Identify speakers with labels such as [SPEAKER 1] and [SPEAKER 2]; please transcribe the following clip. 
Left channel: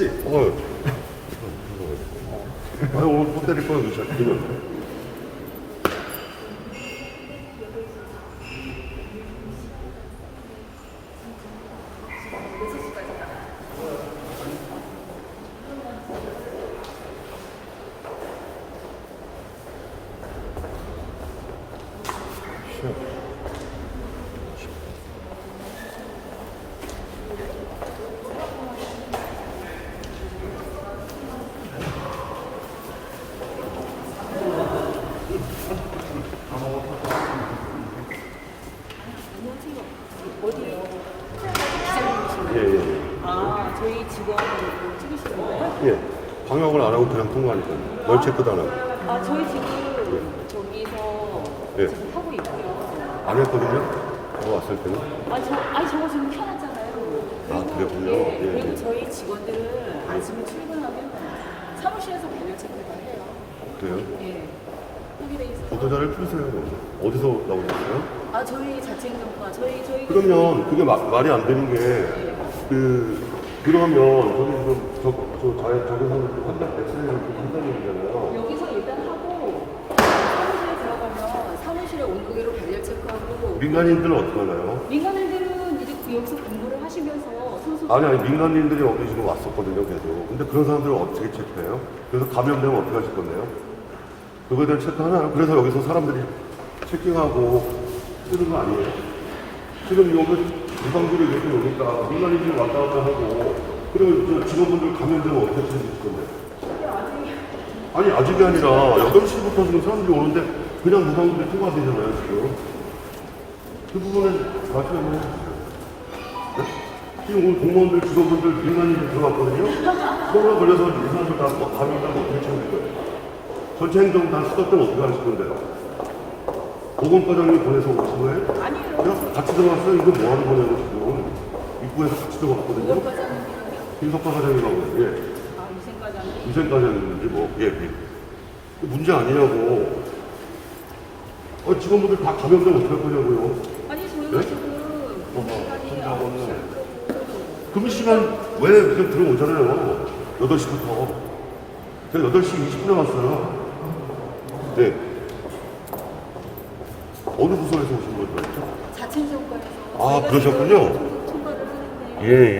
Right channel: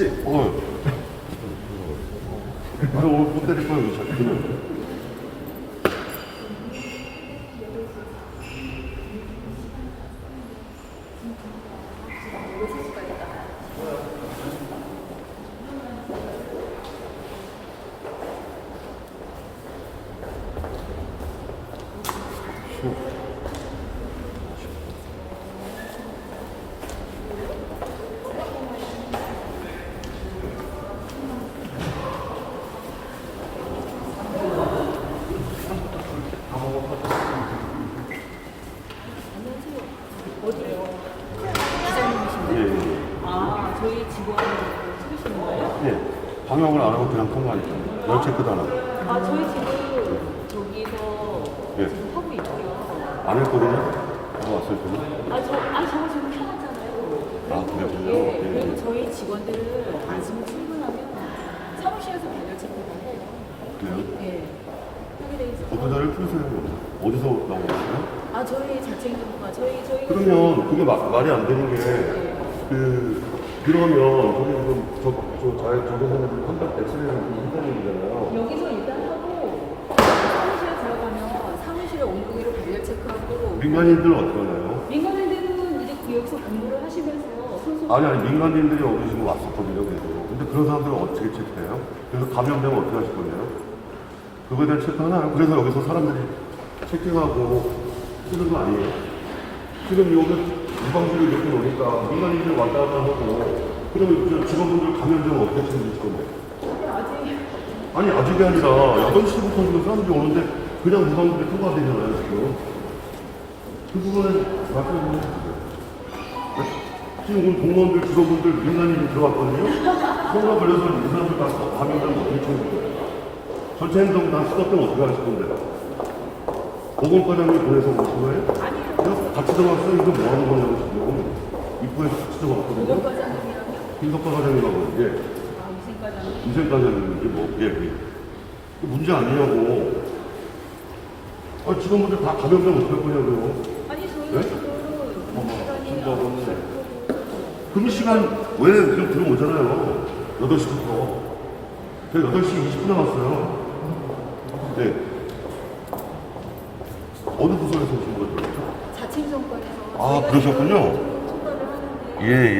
[SPEAKER 1] 그치? 어. 아, 오늘 못 때릴 거야, 이거 예, 예.
[SPEAKER 2] 아, 저희 직원 찍으시는 거예요?
[SPEAKER 1] 예. 방역을 안 하고 그냥 통과하니까. 열 체크도 안 하고.
[SPEAKER 2] 아, 저희 지금 저기서
[SPEAKER 1] 예.
[SPEAKER 2] 지금 하고 있고요.
[SPEAKER 1] 안 했거든요? 바로 왔을 때는.
[SPEAKER 2] 아, 저, 아, 저거 지금 켜놨잖아요.
[SPEAKER 1] 아, 그랬군요.
[SPEAKER 2] 네,
[SPEAKER 1] 예.
[SPEAKER 2] 그리고 저희 직원들은 아침에 출근하면 사무실에서 발열 체크를 해요.
[SPEAKER 1] 그래요?
[SPEAKER 2] 예. 여기 돼 있어서.
[SPEAKER 1] 보도자를 풀세요. 어디서 나오셨어요?
[SPEAKER 2] 아, 저희 자체 행정부가 저희, 저희.
[SPEAKER 1] 그러면 그게 마- 말이 안 되는 게,
[SPEAKER 2] 네.
[SPEAKER 1] 그, 그러면 저기 지금 저, 저, 자, 저기서는 한달 한다는 거잖아요.
[SPEAKER 2] 여기서 일단 하고 사무실에 들어가면 사무실에 온도계로 발열 체크하고
[SPEAKER 1] 민간인들은 어떻게 하나요?
[SPEAKER 2] 민간인들은 이제 그 여기서 공부를 하시면서 소소
[SPEAKER 1] 아니, 아니, 민간인들이 여기 지금 왔었거든요, 계속. 근데 그런 사람들은 어떻게 체크해요? 그래서 감염되면 어떻게 하실 건데요? 그거에 대한 체크 하나요? 그래서 여기서 사람들이 체킹하고 쓰는 거 아니에요? 지금 여기 유방비를 이렇게 오니까 민간인들 왔다 갔다 하고, 저 직원분들 감염되면 어떻게 처리하실 건데? 아니, 아직이 아니라 8시부터 지금 사람들이 오는데 그냥 무방비를 통과가 되잖아요, 지금. 그 부분은 말씀해 주세요. 지금 오늘 공무원들, 직원분들, 민간인이 들어왔거든요. 코로나 걸려서 이 사람들 다 감염되면 어떻게 처리할 거예요? 전체 행동 다 수납되면 어떻게 하실 건데요? 보건과장님 보내서 오신 거예요?
[SPEAKER 2] 아니에요.
[SPEAKER 1] 그냥 같이 들어갔어요. 이거 뭐 하는 거냐고 지금. 입구에서 같이 들어갔거든요. 김덕과 과장님하고, 예.
[SPEAKER 2] 아, 이승 과장님
[SPEAKER 1] 이전 과장님이 뭐, 예, 예. 그 문제 아니냐고. 아, 직원분들 다 감염되면 어떡할 거냐고요.
[SPEAKER 2] 아니 저희
[SPEAKER 1] 네?
[SPEAKER 2] 지금
[SPEAKER 1] 어머, 금시간 왜 이렇게 들어오잖아요. 8시부터. 제가 8시 20분에 왔어요. 네. 어느 부서에서 오신 거죠?
[SPEAKER 2] 자체 정관에서
[SPEAKER 1] 아, 그러셨군요.
[SPEAKER 2] 하는데
[SPEAKER 1] 예,